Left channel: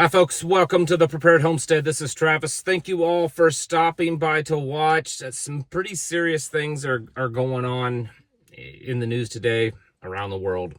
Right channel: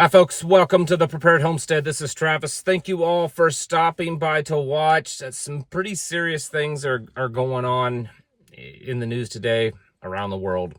Hi, folks. Welcome to the Prepared Homestead. This is Travis. Thank you all for stopping by to watch. Some pretty serious things are going on in the news today around the world.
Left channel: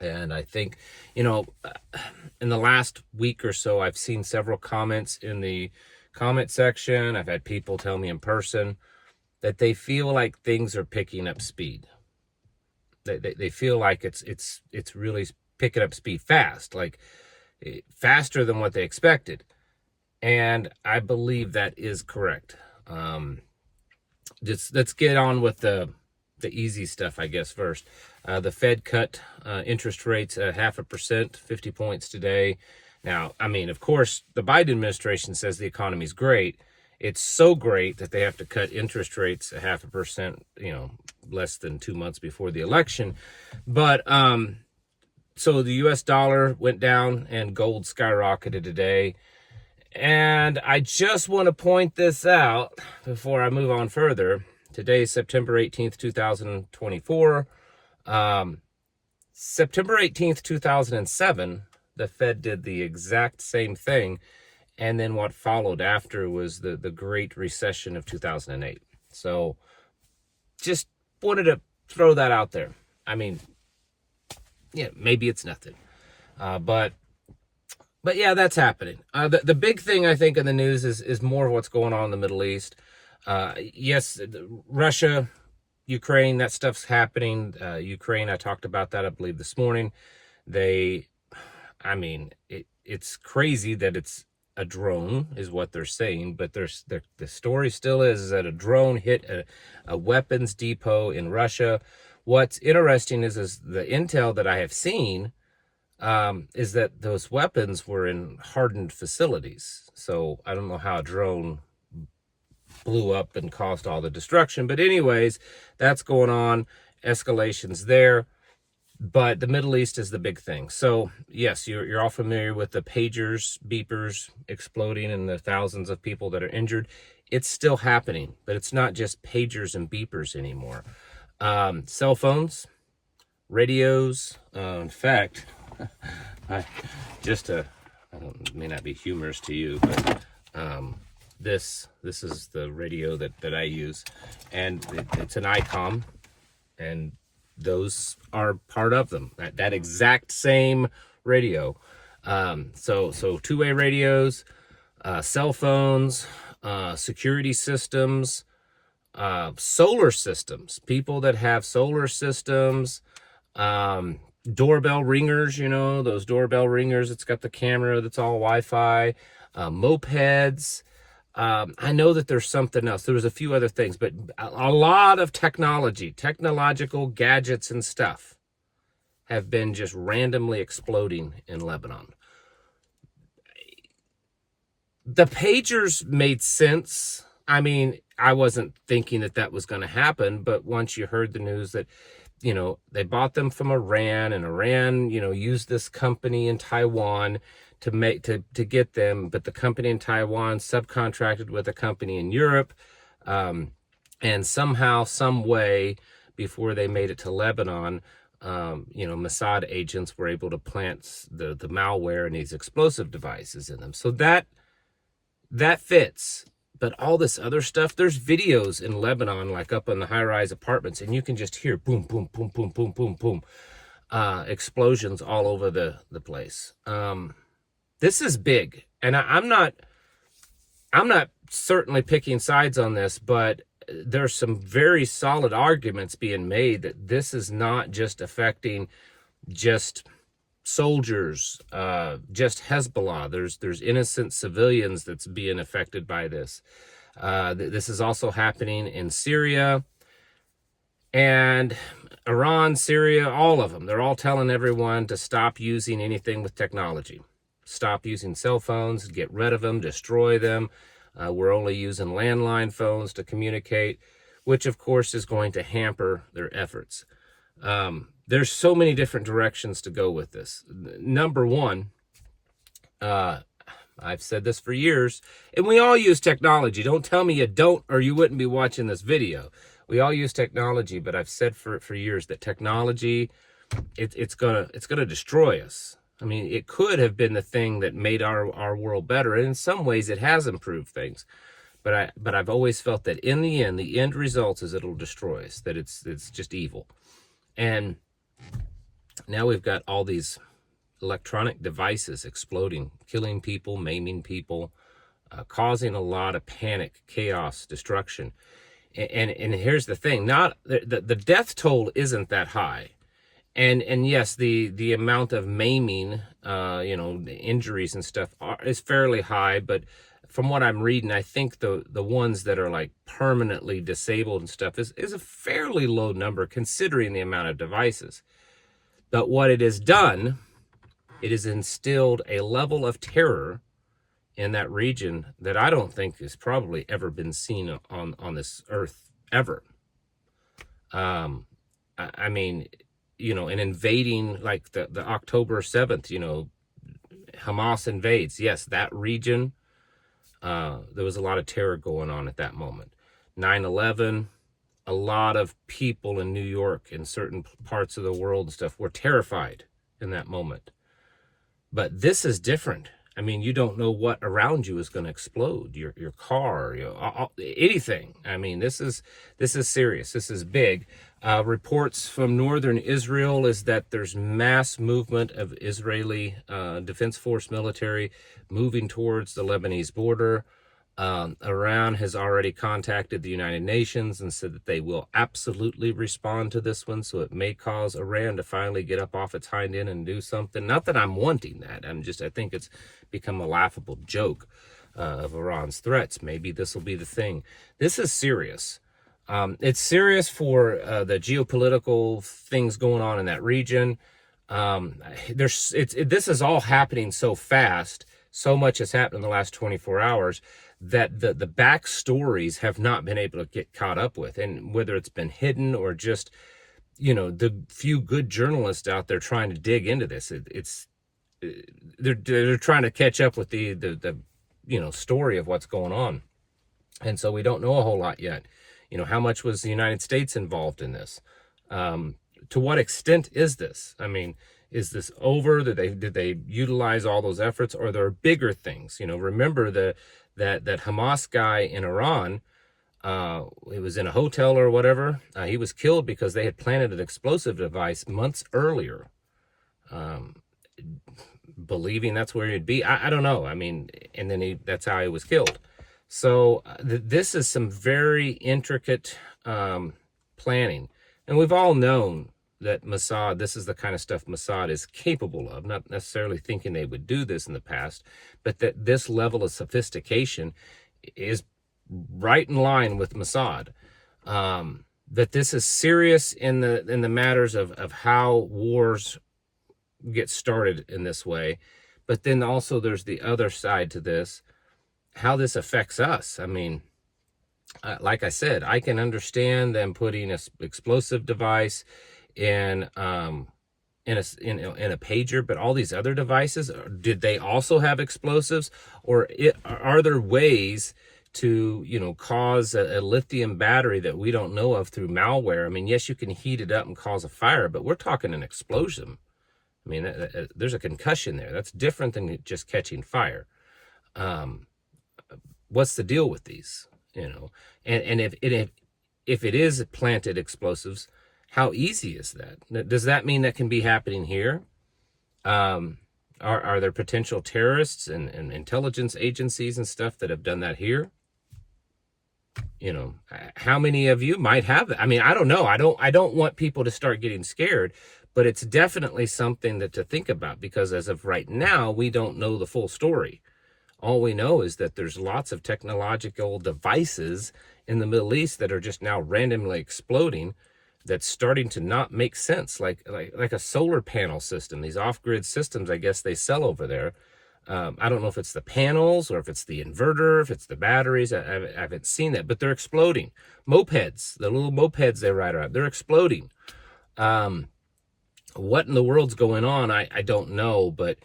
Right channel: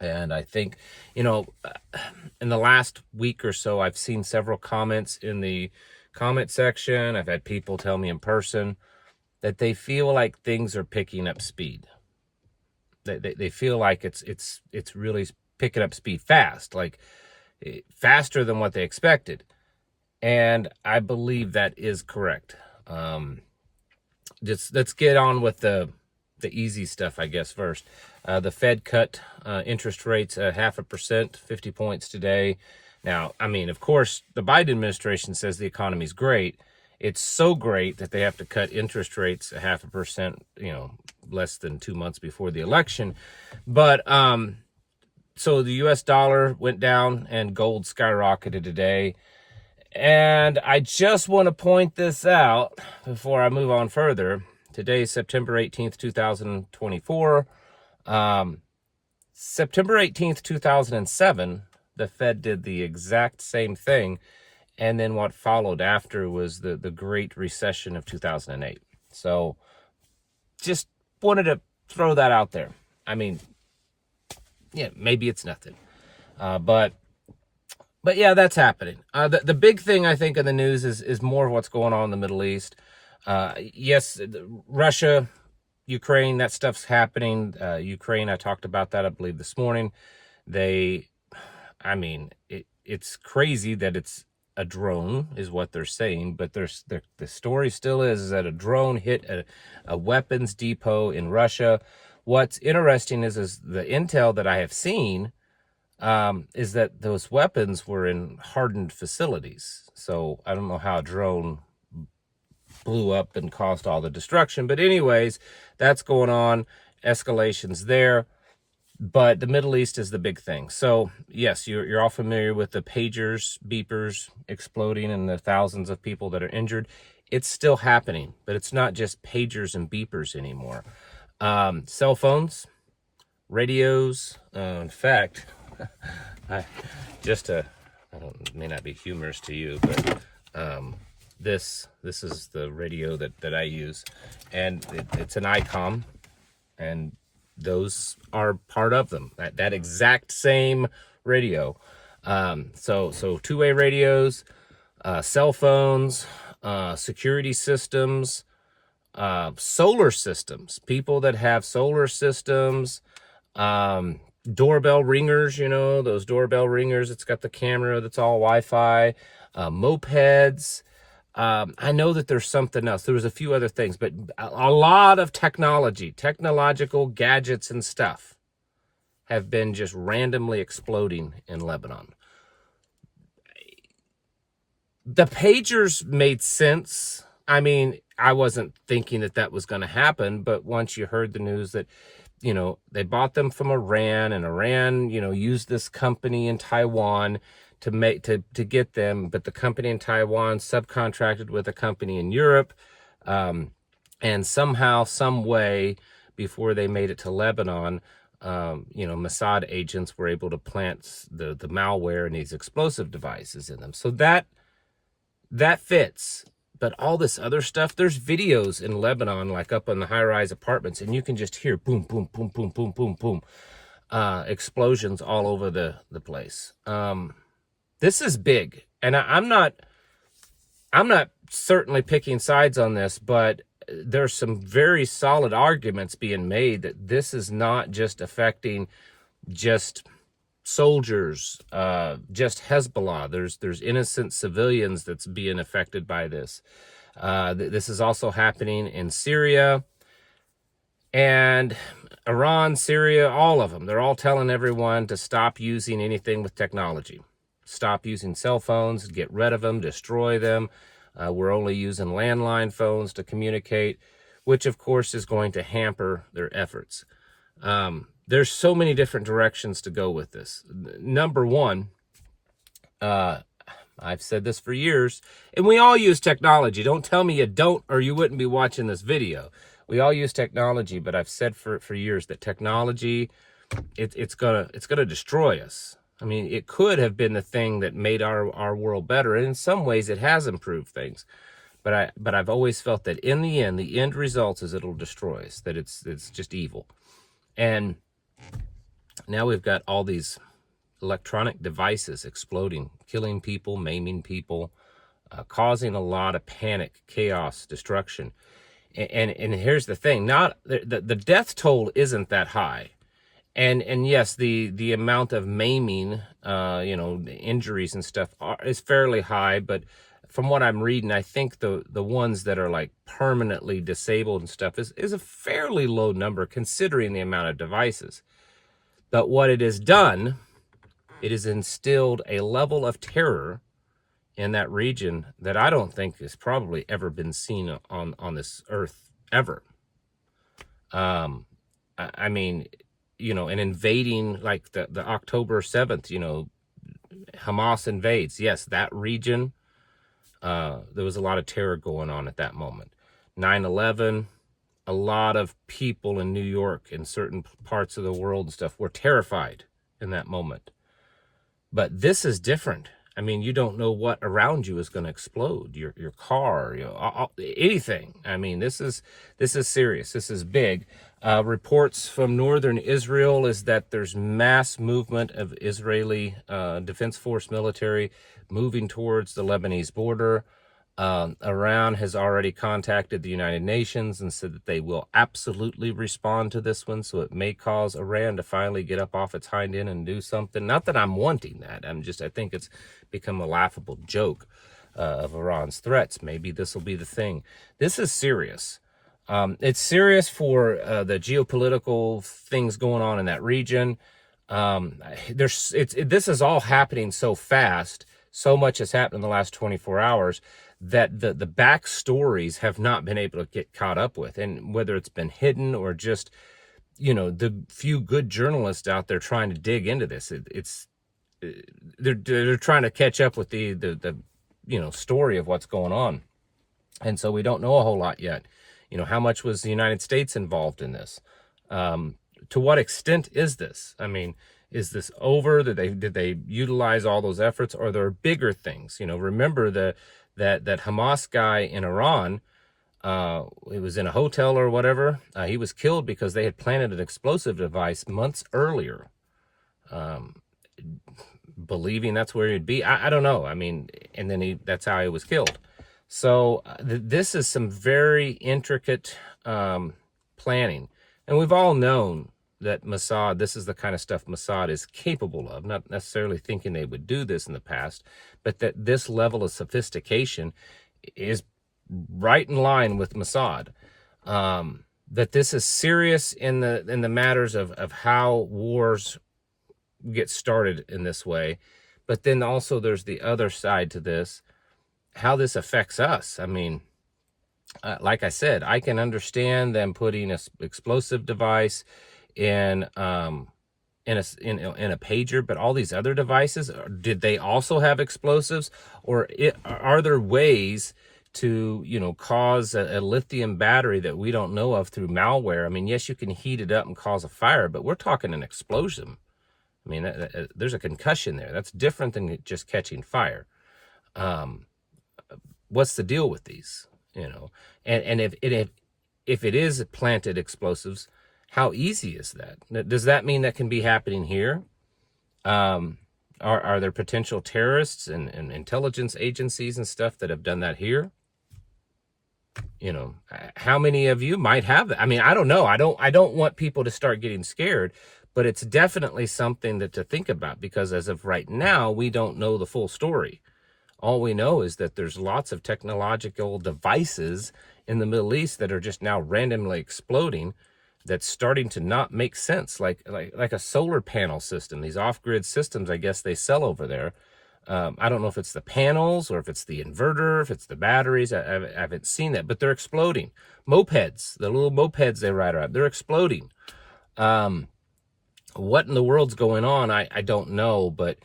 And I think, in the last week or so, I've seen several comments in the comment section. I've had people tell me in person that they feel like things are picking up speed. They feel like it's really picking up speed fast, like faster than what they expected. And I believe that is correct. Just let's get on with the easy stuff, I guess, first. The Fed cut interest rates 0.5%, 50 points today. Now, I mean, of course, the Biden administration says the economy's great. It's so great that they have to cut interest rates 0.5%, less than 2 months before the election. But so the U.S. dollar went down and gold skyrocketed today. And I just want to point this out before I move on further. Today is September 18th, 2024. September 18th, 2007, the Fed did the exact same thing. And then what followed after was the Great Recession of 2008. So just wanted to throw that out there. I mean, yeah, maybe it's nothing. But yeah, that's happening. The big thing, I think, in the news is more of what's going on in the Middle East. Yes, Russia, Ukraine, that stuff's happening. Ukraine, I talked about that, I believe, this morning. It's crazy that it's a drone, is what they're saying, but the story still is that a drone hit a weapons depot in Russia. What's interesting is the intel that I have seen is that those weapons were in hardened facilities. So I don't know how a drone blew up and caused all the destruction. But anyways, that's going on. Escalations there. But the Middle East is the big thing. So yes, you're all familiar with the pagers, beepers exploding and the thousands of people that are injured. It's still happening, but it's not just pagers and beepers anymore. Cell phones, radios. In fact, may not be humorous to you, but this is the radio that I use, and it's an ICOM, and those are part of them. That exact same radio. So two-way radios, cell phones, security systems. Solar systems, people that have solar systems, doorbell ringers, those doorbell ringers, it's got the camera that's all Wi-Fi, mopeds. I know that there's something else. There was a few other things, but a lot of technological gadgets and stuff have been just randomly exploding in Lebanon. The pagers made sense. I mean, I wasn't thinking that was going to happen, but once you heard the news that, they bought them from Iran, and Iran, used this company in Taiwan to get them, but the company in Taiwan subcontracted with a company in Europe, and somehow, some way, before they made it to Lebanon, Mossad agents were able to plant the malware and these explosive devices in them. So that fits. But all this other stuff, there's videos in Lebanon, like up in the high-rise apartments, and you can just hear boom, boom, boom, boom, boom, boom, boom, explosions all over the place. This is big, and I'm not certainly picking sides on this, but there's some very solid arguments being made that this is not just affecting just soldiers, just Hezbollah. There's innocent civilians that's being affected by this. This is also happening in Syria and Iran, Syria, all of them. They're all telling everyone to stop using anything with technology. Stop using cell phones, get rid of them, destroy them. We're only using landline phones to communicate, which of course is going to hamper their efforts. There's so many different directions to go with this. Number one, I've said this for years, and we all use technology. Don't tell me you don't, or you wouldn't be watching this video. We all use technology, but I've said for years that technology, it's gonna destroy us. I mean, it could have been the thing that made our world better. And in some ways it has improved things. But I've always felt that in the end result is it'll destroy us, that it's just evil. And now we've got all these electronic devices exploding, killing people, maiming people, causing a lot of panic, chaos, destruction. And here's the thing: not the death toll isn't that high, and yes, the amount of maiming, the injuries and stuff is fairly high. But from what I'm reading, I think the ones that are like permanently disabled and stuff is a fairly low number considering the amount of devices. But what it has done, it has instilled a level of terror in that region that I don't think has probably ever been seen on this earth ever. I mean, an invading like the October 7th, Hamas invades. Yes, that region, there was a lot of terror going on at that moment. 9/11, a lot of people in New York and certain parts of the world and stuff were terrified in that moment. But this is different. I mean, you don't know what around you is going to explode. Your car, anything. I mean, this is serious. This is big. Reports from northern Israel is that there's mass movement of Israeli Defense Force military moving towards the Lebanese border. Iran has already contacted the United Nations and said that they will absolutely respond to this one. So it may cause Iran to finally get up off its hind end and do something. Not that I'm wanting that. I think it's become a laughable joke of Iran's threats. Maybe this will be the thing. This is serious. It's serious for the geopolitical things going on in that region. This is all happening so fast. So much has happened in the last 24 hours that the backstories have not been able to get caught up with. And whether it's been hidden or just, the few good journalists out there trying to dig into this, they're trying to catch up with the story of what's going on. And so we don't know a whole lot yet. How much was the United States involved in this? To what extent is this? I mean, is this over? Did they utilize all those efforts, or there are bigger things? Remember that Hamas guy in Iran, he was in a hotel or whatever. He was killed because they had planted an explosive device months earlier, believing that's where he'd be. I don't know. I mean, and then that's how he was killed. So this is some very intricate planning. And we've all known that Mossad, this is the kind of stuff Mossad is capable of, not necessarily thinking they would do this in the past, but that this level of sophistication is right in line with Mossad. That this is serious in the matters of how wars get started in this way. But then also there's the other side to this, how this affects us. I mean, like I said, I can understand them putting an explosive device in a pager, but all these other devices, did they also have explosives, or are there ways to cause a lithium battery that we don't know of through malware? I mean, yes, you can heat it up and cause a fire, but we're talking an explosion. I mean, there's a concussion there. That's different than just catching fire. What's the deal with these? And if it is planted explosives, how easy is that? Does that mean that can be happening here? Are there potential terrorists and intelligence agencies and stuff that have done that here? How many of you might have that? I mean, I don't know. I don't want people to start getting scared, but it's definitely something to think about, because as of right now, we don't know the full story. All we know is that there's lots of technological devices in the Middle East that are just now randomly exploding, that's starting to not make sense, like a solar panel system. These off-grid systems, I guess they sell over there. I don't know if it's the panels or if it's the inverter, if it's the batteries. I haven't seen that, but they're exploding. Mopeds, the little mopeds they ride around, they're exploding. What in the world's going on? I don't know, but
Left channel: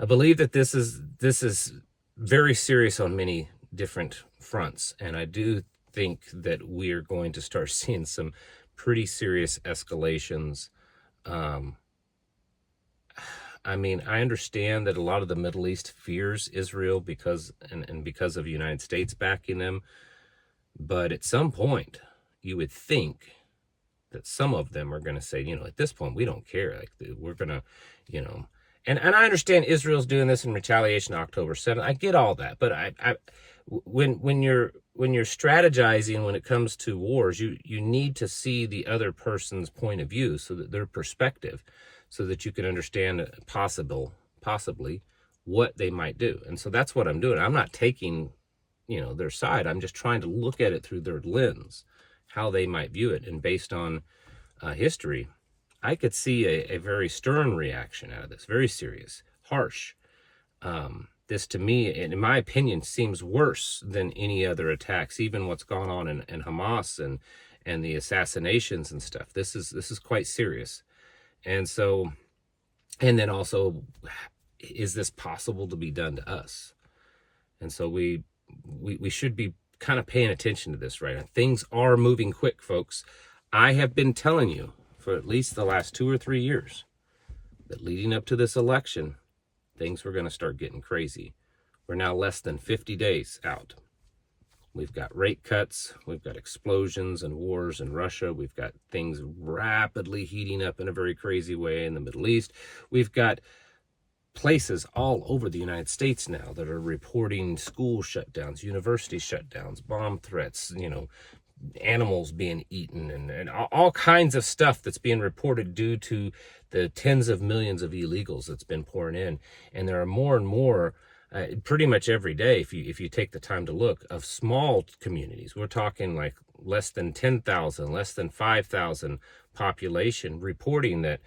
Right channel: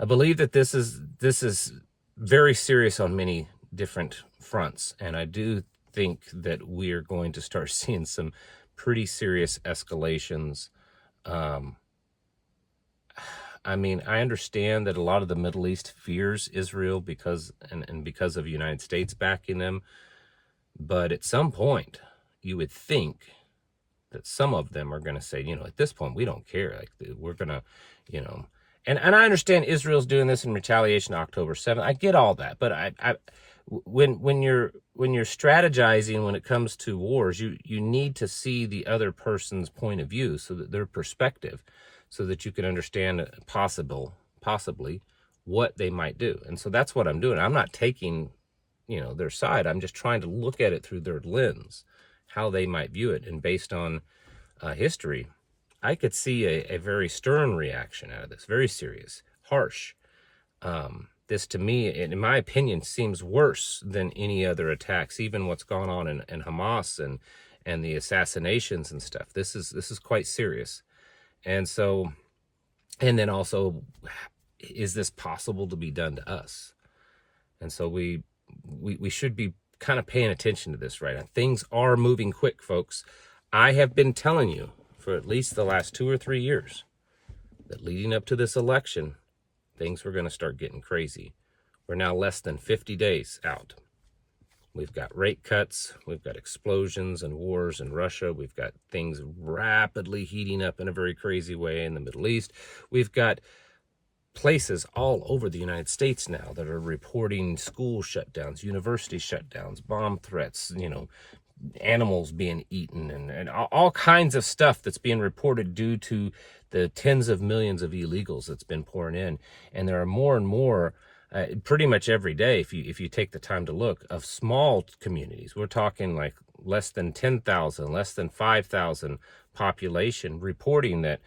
I believe that this is very serious on many different fronts, and I do think that we're going to start seeing some pretty serious escalations. I mean, I understand that a lot of the Middle East fears Israel because and because of the United States backing them. But at some point, you would think that some of them are going to say, at this point, we don't care. Like, we're going to, you know, and I understand Israel's doing this in retaliation October 7th. I get all that. But when you're strategizing when it comes to wars, you need to see the other person's point of view, so that their perspective, so that you can understand possibly what they might do. And so that's what I'm doing. I'm not taking, their side. I'm just trying to look at it through their lens, how they might view it. And based on history, I could see a very stern reaction out of this, very serious, harsh. This, to me, in my opinion, seems worse than any other attacks, even what's gone on in Hamas and the assassinations and stuff. This is quite serious. And so, and then also, is this possible to be done to us? And so we should be kind of paying attention to this right now. Things are moving quick, folks. I have been telling you for at least the last 2 or 3 years that leading up to this election, things were going to start getting crazy. We're now less than 50 days out. We've got rate cuts. We've got explosions and wars in Russia. We've got things rapidly heating up in a very crazy way in the Middle East. We've got places all over the United States now that are reporting school shutdowns, university shutdowns, bomb threats, animals being eaten, and all kinds of stuff that's being reported due to the tens of millions of illegals that's been pouring in. And there are more and more, pretty much every day, if you take the time to look, of small communities. We're talking like less than 10,000, less than 5,000 population reporting that,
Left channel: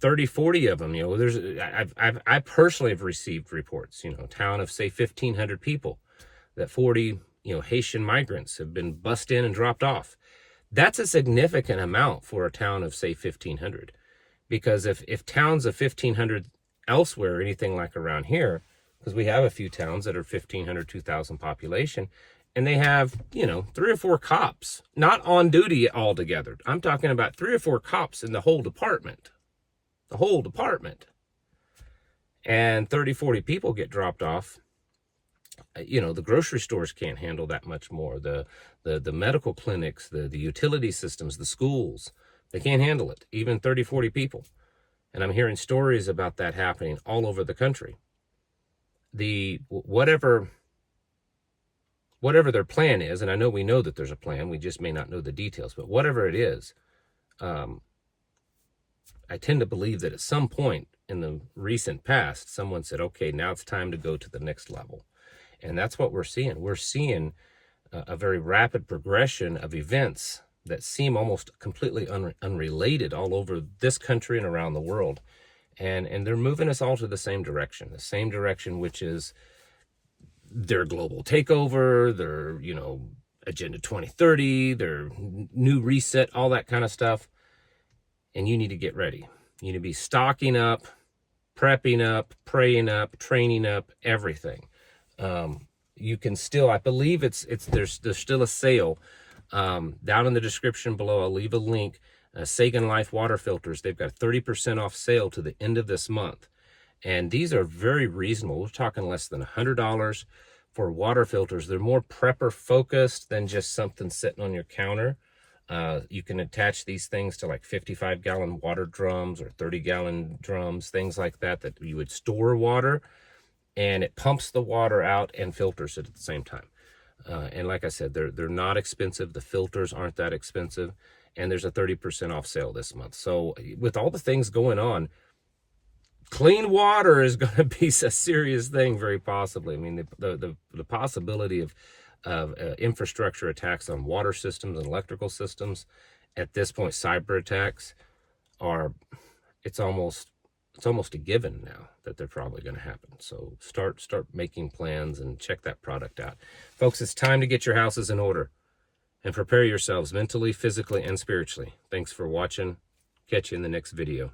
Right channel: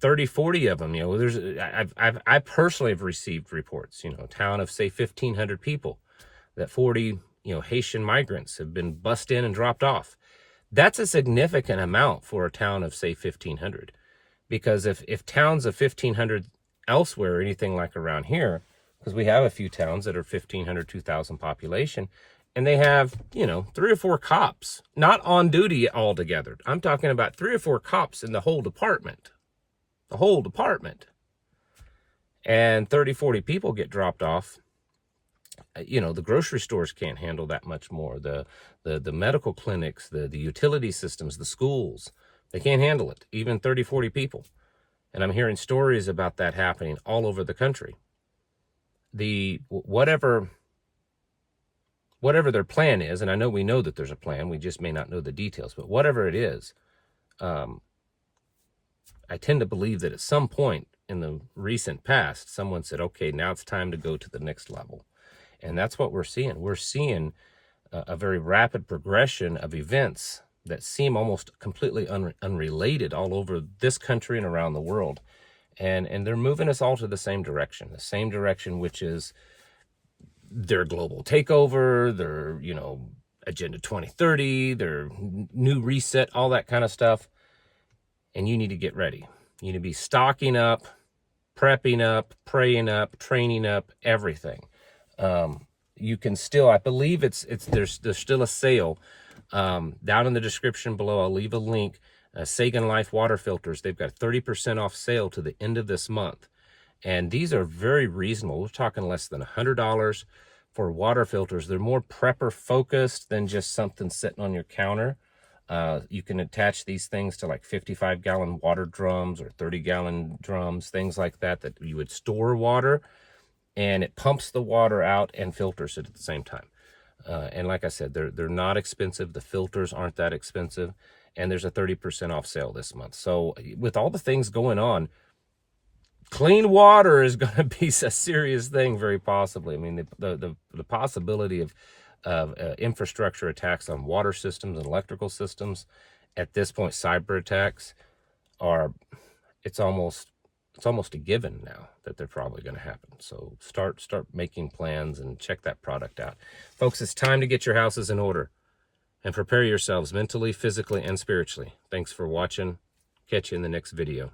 30, 40 of them, I personally have received reports, a town of say 1,500 people, that 40, Haitian migrants have been bussed in and dropped off. That's a significant amount for a town of say 1,500, because if towns of 1,500 elsewhere or anything like around here, because we have a few towns that are 1,500, 2,000 population, and they have, 3 or 4 cops, not on duty altogether. I'm talking about 3 or 4 cops in the whole department. The whole department. And 30, 40 people get dropped off. The grocery stores can't handle that much more. The medical clinics, the utility systems, the schools, they can't handle it. Even 30, 40 people. And I'm hearing stories about that happening all over the country. Whatever their plan is, and I know we know that there's a plan, we just may not know the details, but whatever it is, I tend to believe that at some point in the recent past, someone said, okay, now it's time to go to the next level. And that's what we're seeing. We're seeing a very rapid progression of events that seem almost completely unrelated all over this country and around the world. And they're moving us all to the same direction, which is their global takeover, their, Agenda 2030, their new reset, all that kind of stuff. And you need to get ready. You need to be stocking up, prepping up, praying up, training up, everything. You can still, I believe there's still a sale down in the description below. I'll leave a link. Sagan Life water filters. They've got 30% off sale to the end of this month. And these are very reasonable. We're talking less than $100 for water filters. They're more prepper focused than just something sitting on your counter. You can attach these things to like 55-gallon water drums or 30-gallon drums, things like that you would store water, and it pumps the water out and filters it at the same time. And like I said, they're not expensive. The filters aren't that expensive, and there's a 30% off sale this month. So with all the things going on, clean water is going to be a serious thing, very possibly. I mean, the possibility of infrastructure attacks on water systems and electrical systems at this point, cyber attacks, it's almost a given now that they're probably going to happen. So start making plans and check that product out. Folks, it's time to get your houses in order and prepare yourselves mentally, physically, and spiritually. Thanks for watching. Catch you in the next video.